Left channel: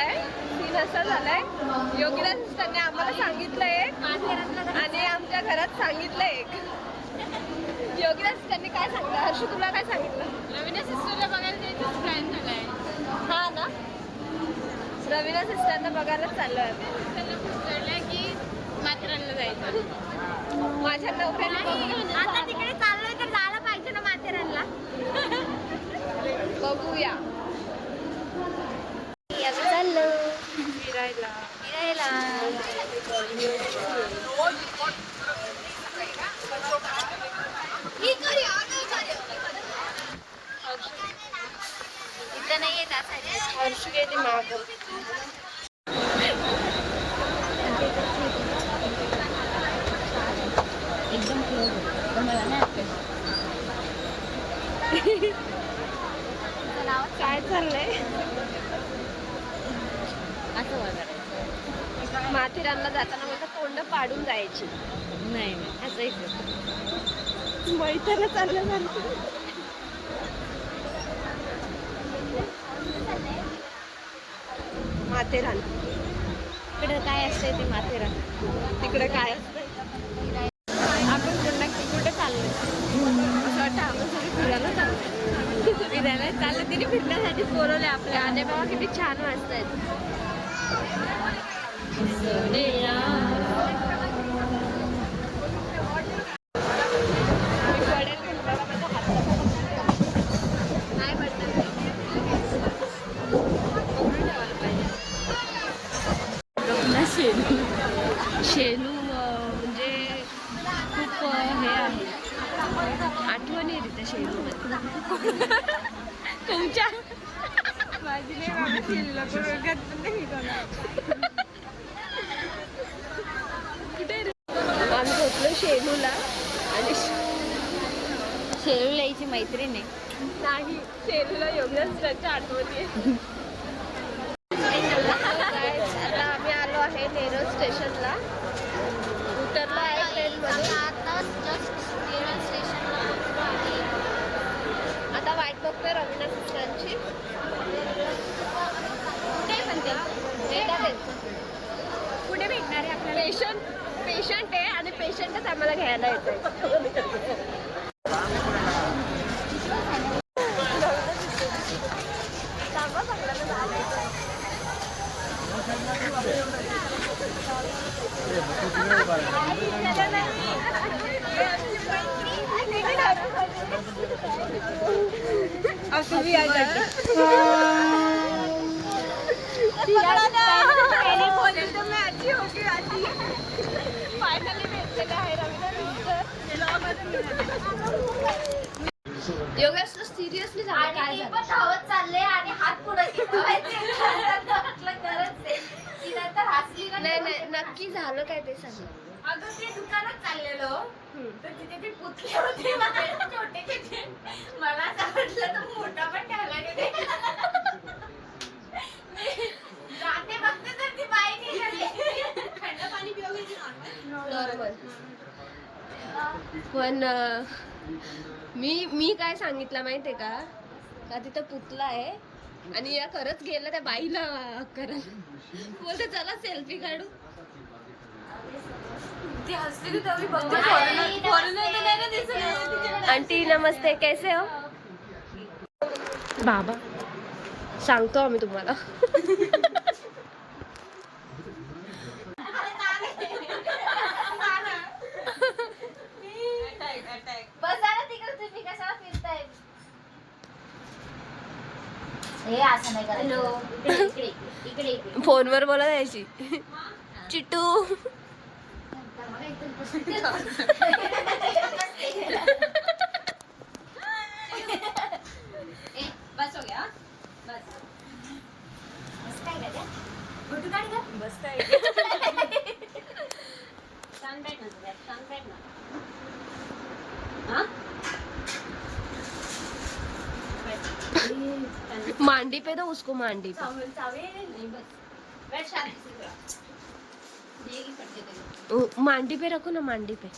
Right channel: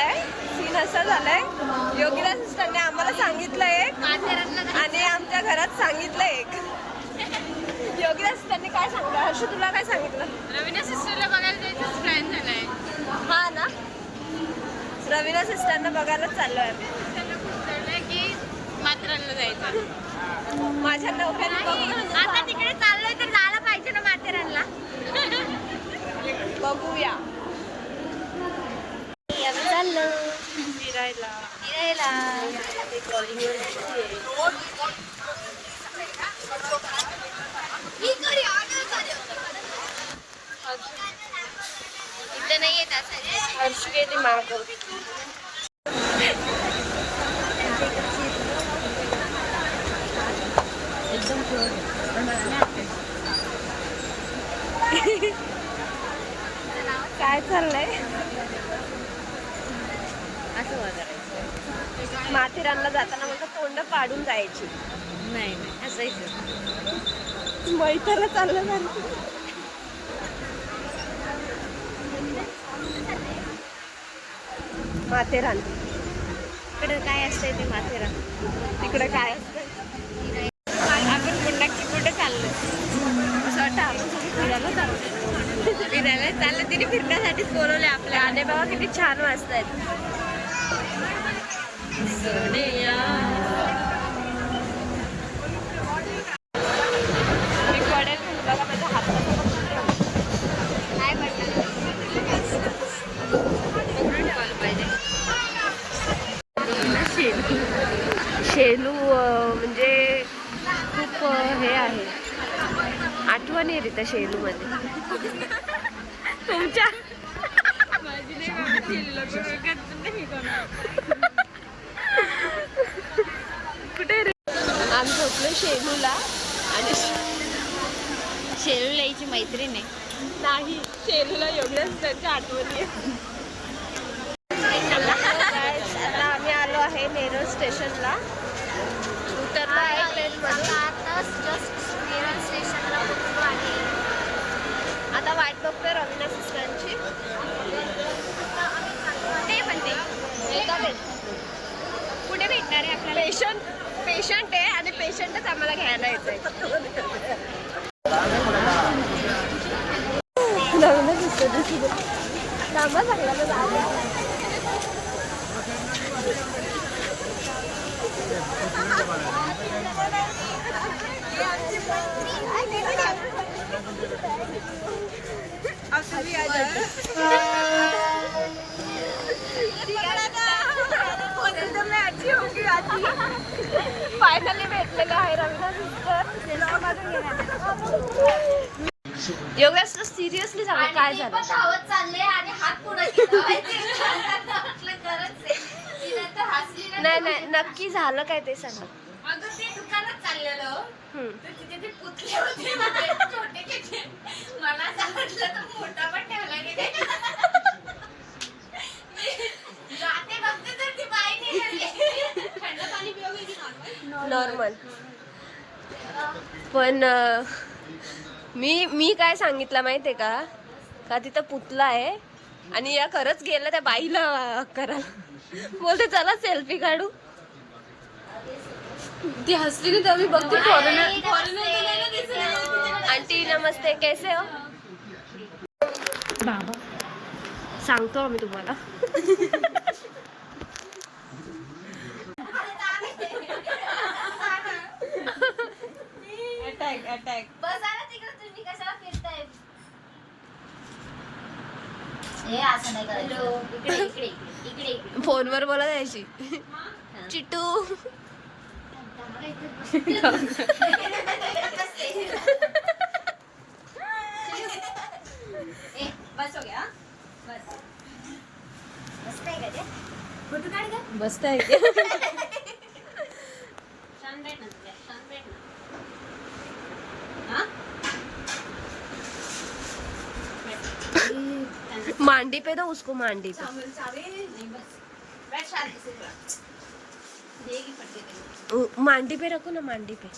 झालाय, सीन असा झालाय, योगिता सिस्टरने आम्हाला सांगितलं एक आणि आमच्या घरात सांगितलं एक. योगिता सिस्टरने काय सांगितलं? हर्षू तुला काय सांगितलं? रवीना सिस्टरला बघायला जायचं प्लॅन झालाय. हा ना, रवीना सिस्टरना बघायलाच चाललोय. सिस्टरला खूप चाललंय की माथेरानला जायचं. माझ्या नवऱ्याने बघून आता तिकडे चाललोय तर जायला पाहिजे ना माथेरानला. बघूया. आता चाललो फिरायला. इथे नाही येत. हर्ष गेली मागं. एकदम क्लोज पण मला नाही आवडत. काय चाललंय? असं वागायचं माथेरानला जाताना म्हटलं तोंड पाडून जायची. नाही हसायचं. मैत्रीला चाललं नाही. माथेरान इकडं काय असतंय ते माथेरान. इकडं काय असतं? आपण पुन्हा कुठे चाललो? असं वाटतं आपण सगळे फिरायला चाललो. फिरायला चाललं, तिने फिरण्यासाठीच बोलवले आपल्या. गाणे बाबा किती छान वाजतायत. मी पडेल म्हणून बघा माझ्या हातात काय पडलं? शेलू म्हणजे खूप हे आहे, आठवण येते त्या शेलू मध्ये तुमच्या. माझी नाही कुठे रे? आम्ही पोचलो शेलूला आणि शेलू यायची मैत्रीण आहे. नाही, शेलूला एवढंच त्याच्या आठवणी. आता आम्ही आलो आहे नेरळ स्टेशनला. उतरलो आहे ट्रेनमधून. स्टेशनला पोहोचलो आहे. आता वाट बघतोय रवीना सिस्टरची. ते पण ते येतात कुठे भेटणार आहे आपल्याला? पेशंट आहे आणि पेशंटच आम्हाला घ्यायला येतोय. रवीना सिस्टरची लांबा चांगला ना जायचं. फायनली भेटलेलं आहे रवीना सिस्टर. योगेश सिरियसली सांग काय झालं? धावत चालले आणि हात पुढे नाही नाही, नक्की झालं काय ते सांग. अगं ते दुकानात चाललेलो तर तिथे ते पुतले होते छोटे छोटे. मला असं वाटलं तर मोठा पण ठेवला गेले. जाते बघते तर ती बाई निघाली. थंड पाणी पिऊ गेली. नॉर्मल. पण मी काय सांगितलं माहितीये का तिथं पुतला आहे आणि या खरंच गेलं त्या बाईला करायला. बोलते चला सेल्फी काढू. ती हसली तर मी बघते. फॉरेनर तर नाही ना दिसले. आंटी नमस्ते, कैसे हो? बाबा सांगतो आम्ही तुम्हाला. बसा ना तिकडे, तुम्ही कशाला फिरताय? हे असं नाही करायचं. इकडे इकडे इकडे. फोनवर बोला द्यायची. चिटू बसोग्या बस. बसताय का ते? फोटो काढ का? बसताय. छान बैठ ना तुझा, छान बैठ ना. हाँ? मांडी पे दो उसको, मांडी पे. नहीं बस बैठ शांति से थोड़ा. देगी फटके तेरे. मांडी पे रखो ना, मांडी पे.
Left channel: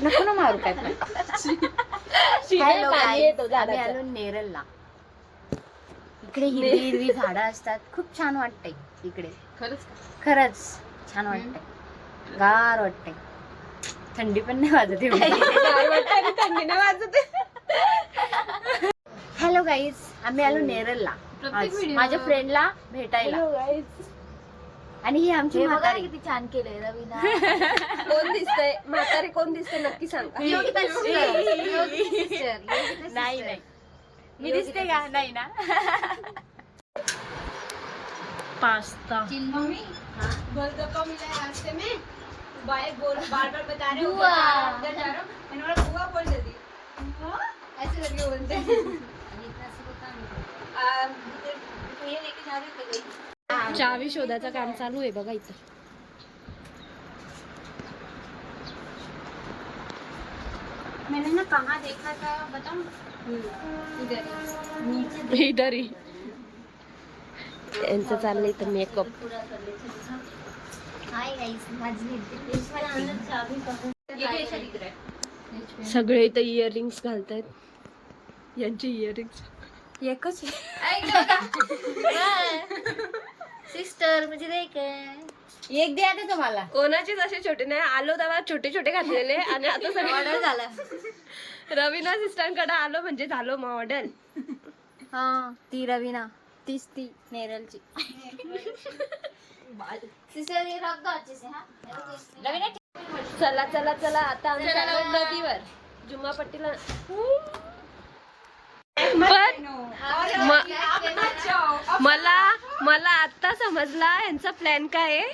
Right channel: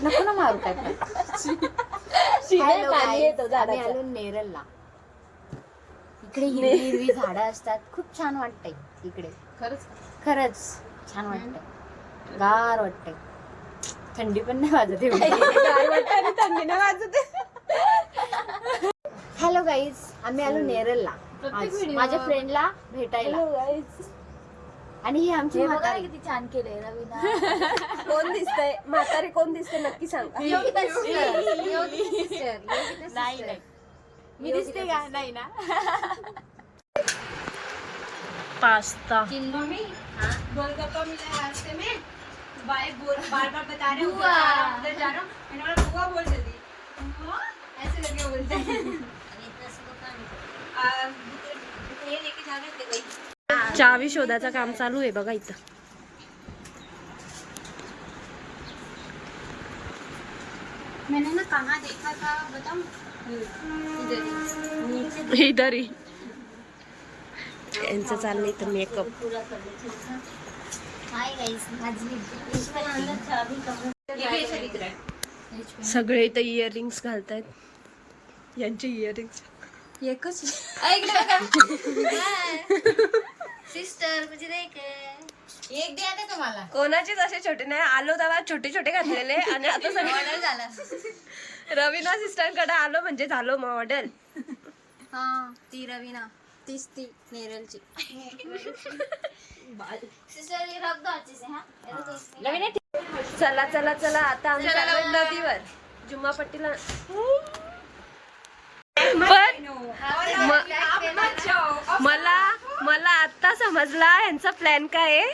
नको ना मारू काय पण. शिरायला पाणी येतो आम्ही झाडाचं. आलो नेरलला. इकडे हिरवी हिरवी झाडं असतात, खूप छान वाटतंय इकडे. खरंच छान वाटतंय, गार वाटतंय. थंडी पण नाही वाजत एवढी. गार वाटतं आणि थंडी नाही वाजत. हॅलो गाईज, आम्ही आलो नेरलला माझ्या फ्रेंडला भेटायला. आणि ही आमची म्हातारी. किती छान केलंय रवीना. कोण दिसतंय म्हातारी, कोण दिसतंय नक्की सांगा. नाही नाही, मी दिसते का? नाही ना. पास्ता गोलगप्पा मिला है रास्ते में, बार बार बता रहे हो उधर जा रहा हूँ, मैंने बोला बुआ बोल जल्दी, ऐसे करके बोलते हैं. ये लेके जा रहे थे. चावी शोधाचं काम चालू आहे बघा इथं. मैंने ना कहाँ देखा था बताऊं? इधर इधर ही यांचं चाललंय इथं मेकअप. हाय गाईज, माझी सगळे इथं इयरिंग्स घालतायत. यांचे इयरिंग्स एकच सिस्टर म्हणजे एक द्या आता तुम्हाला. कोणाचेच असे छोटे नाही. आलो तेव्हा छोटे छोटे घातलेले आणि आता सगळे रवीना सिस्टरकडे आलो म्हणजे झालो मॉडेल. हा ती रवीना, तीच ती नेरलची सिस्टर. ये रख दो अच्छे से. हाँ चला चला चला आता आम्ही चाललोय नदीवर जुम्मा पट्टीला. पण मला आता समजला यांचा प्लॅन काय आहे.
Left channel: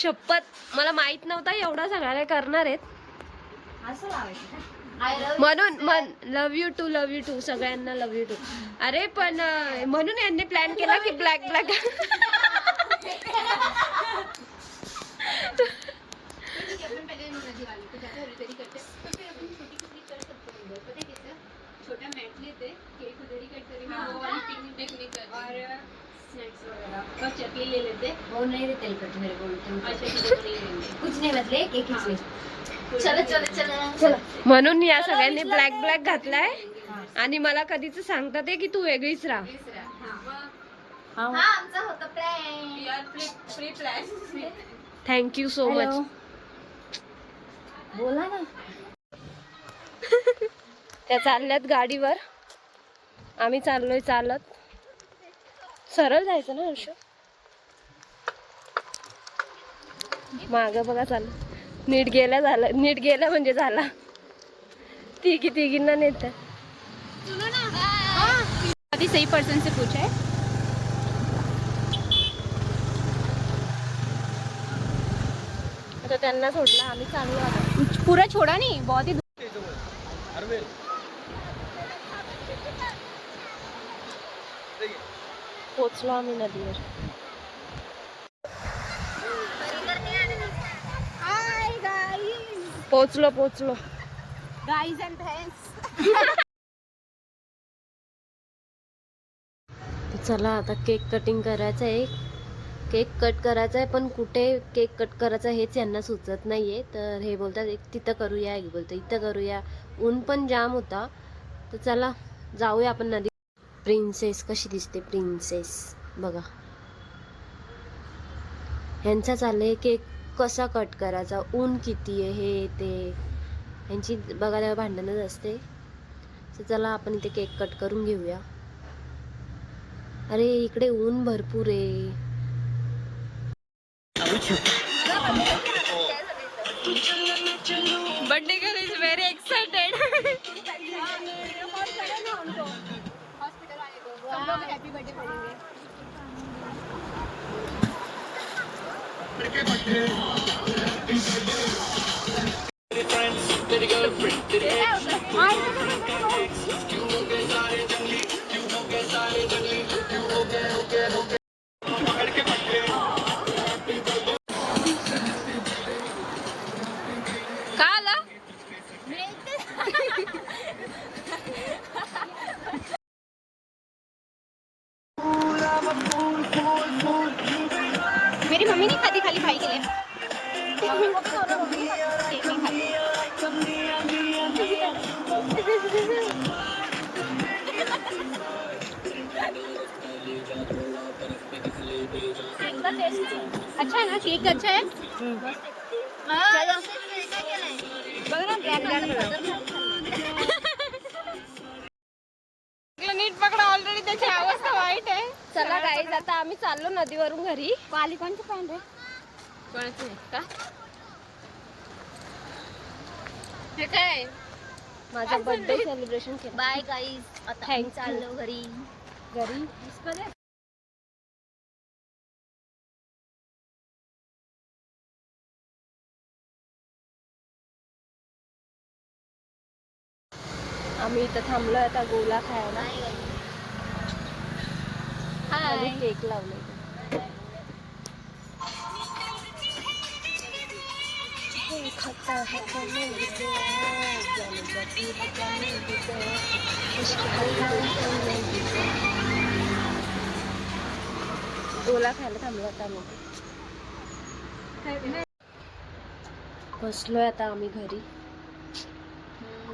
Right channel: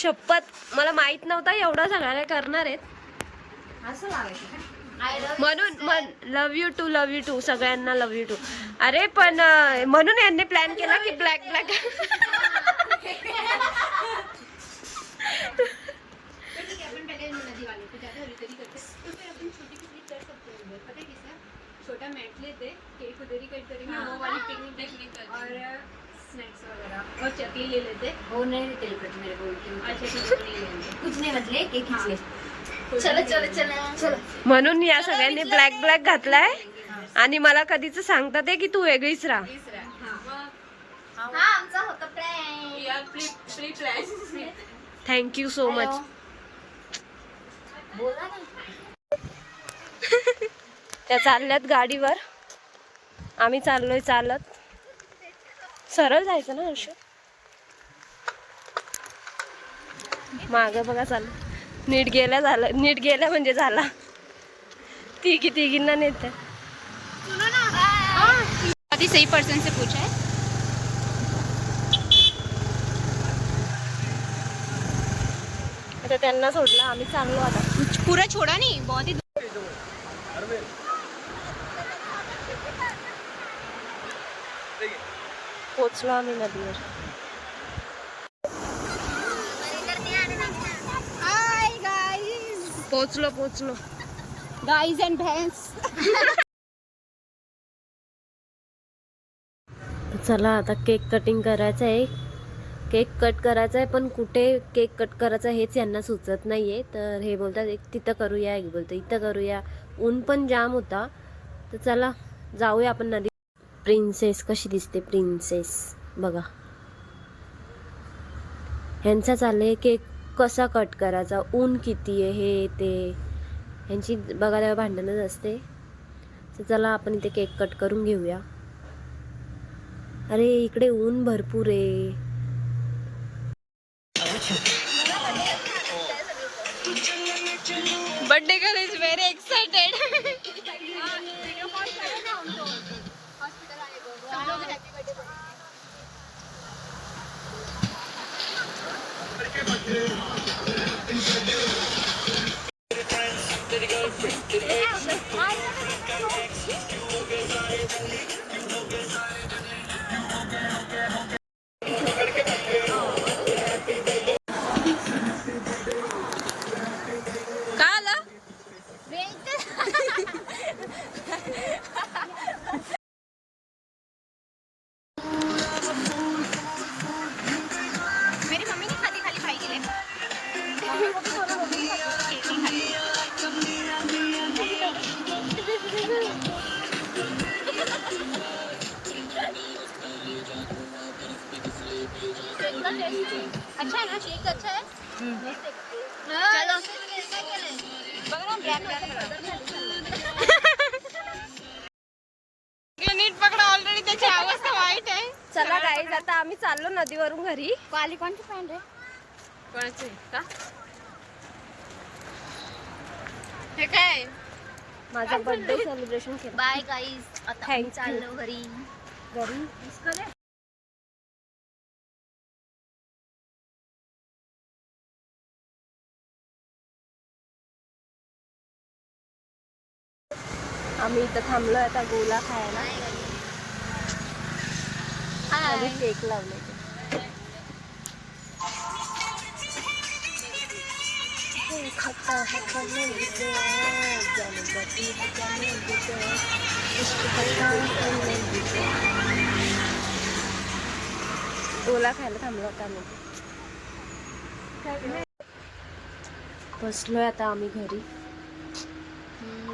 शपथ मला माहित नव्हता एवढा सगळा काय करणार आहेत म्हणून. लव यू टू सगळ्यांना लव यू टू. अरे पण म्हणून यांनी प्लॅन केला की ब्लॅक ब्लॅक. छोटा मैट लेते, केक उधर ही कट करेंगे, वो वाली पिकनिक और स्नैक्स वगैरह और चकली ले लेते. वो नहीं तेल कट मेरे को उल्टी. अच्छा ठीक है, ले लेंगे. कुछ नहीं मतलब केक खींच ले. चलो चलो चलो चलो. म्हणून या सगळ्यांनी ब्लॅक ब्लॅक घातलाय आणि मला कधीच सांगतात की तू वेगळीच राहा. हाँ आमचा होता plan. We are pre plan. Thank you so much. बोला ना. त्या चालल्यात गाडीवर, आम्ही चाललोय चालत. सरळ जायचं ना हर्ष. माग बघा चालू. नीट गेल्या म्हणजे झाला. तिघींना नेत. अभी सही पर्सन से पूछा है. आता त्यांना सोडलं, आम्ही चाललो आता. पूरा छोड़ा नहीं, बहुत ही. पोचलो आम्ही नदीवर. हाय गाइस, पोचलो गाइस एंड भैंस. चला आता केक कटिंग करायचं आहे. केक कट करायचा आहे पण कुठे केक कट करायचा हेच यांना सुचत नाहीये. तर हे बोलतात एक तिथं करूया, एक बोलतो इथं करूया. ऊन पण जाम होता. तर चला जाऊया आपण नदी. प्रिन्सेस कशी दिसते, प्रिन्सेस बघा. ह्यांचा चाललंय केक कसा कट करायचा, ऊन किती आहे हे ते ह्यांची बघा तेव्हा भांडणच असते. तर चला आपण इथे केक कट करून घेऊया. अरे इकडे ऊन भरपूर आहे. Birthday girl is very excited. का आला? मेरी मम्मी नहीं खाती, खाली भाई के लिए. अच्छा है ना, केक अच्छा है। नीट पकडा, ऑलरेडी त्याची अवस्था वाईट आहे. चला गाईज, आता आम्ही चाललो नदीवरून घरी. पाली कोणची पॅन्ट रे? कोणाचे का? हे काय माझा बर्थडे सेलिब्रेशन केला. बाय गाईज, आता Thank आम्ही you. चाललो घरी. घरी आम्ही इथं थांबलोय आता गोला खायला. आणि केक लावलाय. गोला खायला थांबलो होता आम्ही. बसलोय आता आम्ही घरी.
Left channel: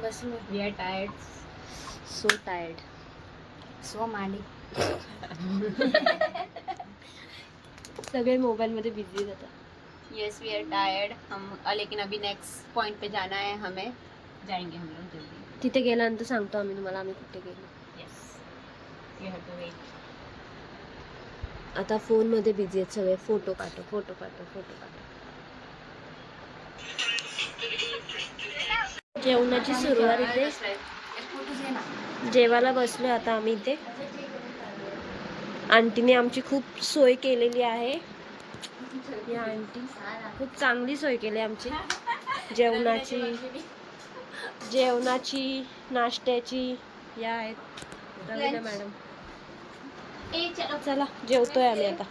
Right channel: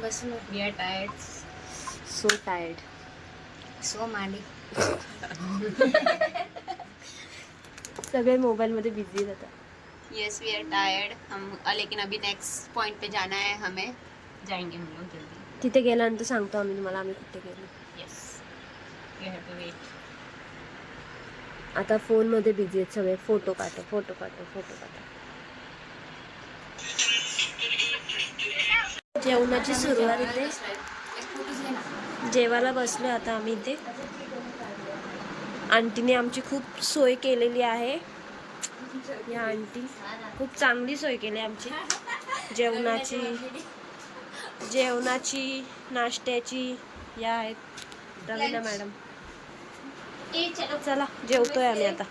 बसलो. We are tired. So tired. So मांडी. सगळे मोबाइल मध्ये बिझी होता. Yes we are tired hmm, लेकिन अभी नेक्स्ट पॉइंट पे जाना है हमें. जाएंगे हम लोग जल्दी. तिथे गेल्यानंतर सांगतो आम्ही तुम्हाला आम्ही कुठे गेलो. Yes you have to wait. आता फोन मध्ये बिझी आहेत सगळे. फोटो पाठव, फोटो पाठव, फोटो पाठव. जेवणाची सुरुवात इथे. जेवायला बसलो आता आम्ही इथे. आंटीने आमची खूप सोय केलेली आहे. या आंटी खूप चांगली सोय केली आमची जेवणाची नाश्त्याची. या आहेत रवीना मॅडम. चला जेवतोय आम्ही आता.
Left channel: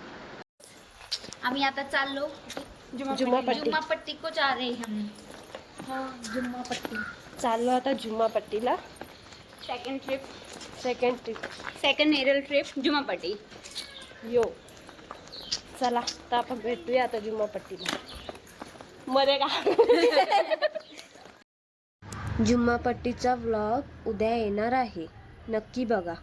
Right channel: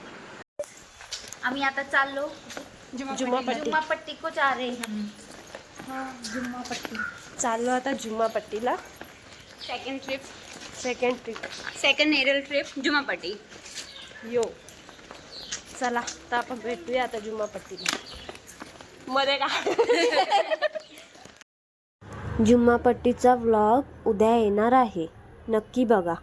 आम्ही आता चाललो जुम्मापट्टी. जुम्मापट्टी को जा रहे हैं. जुम्मापट्टी चाललो आता जुम्मापट्टीला. Second trip. Second Neral trip Jummapatti. यो चला तर आपण भेटूया आता जुम्मापट्टीला. मध्ये का जुम्मापट्टीचा व्लॉग उद्या येणार आहे, नक्की बघा.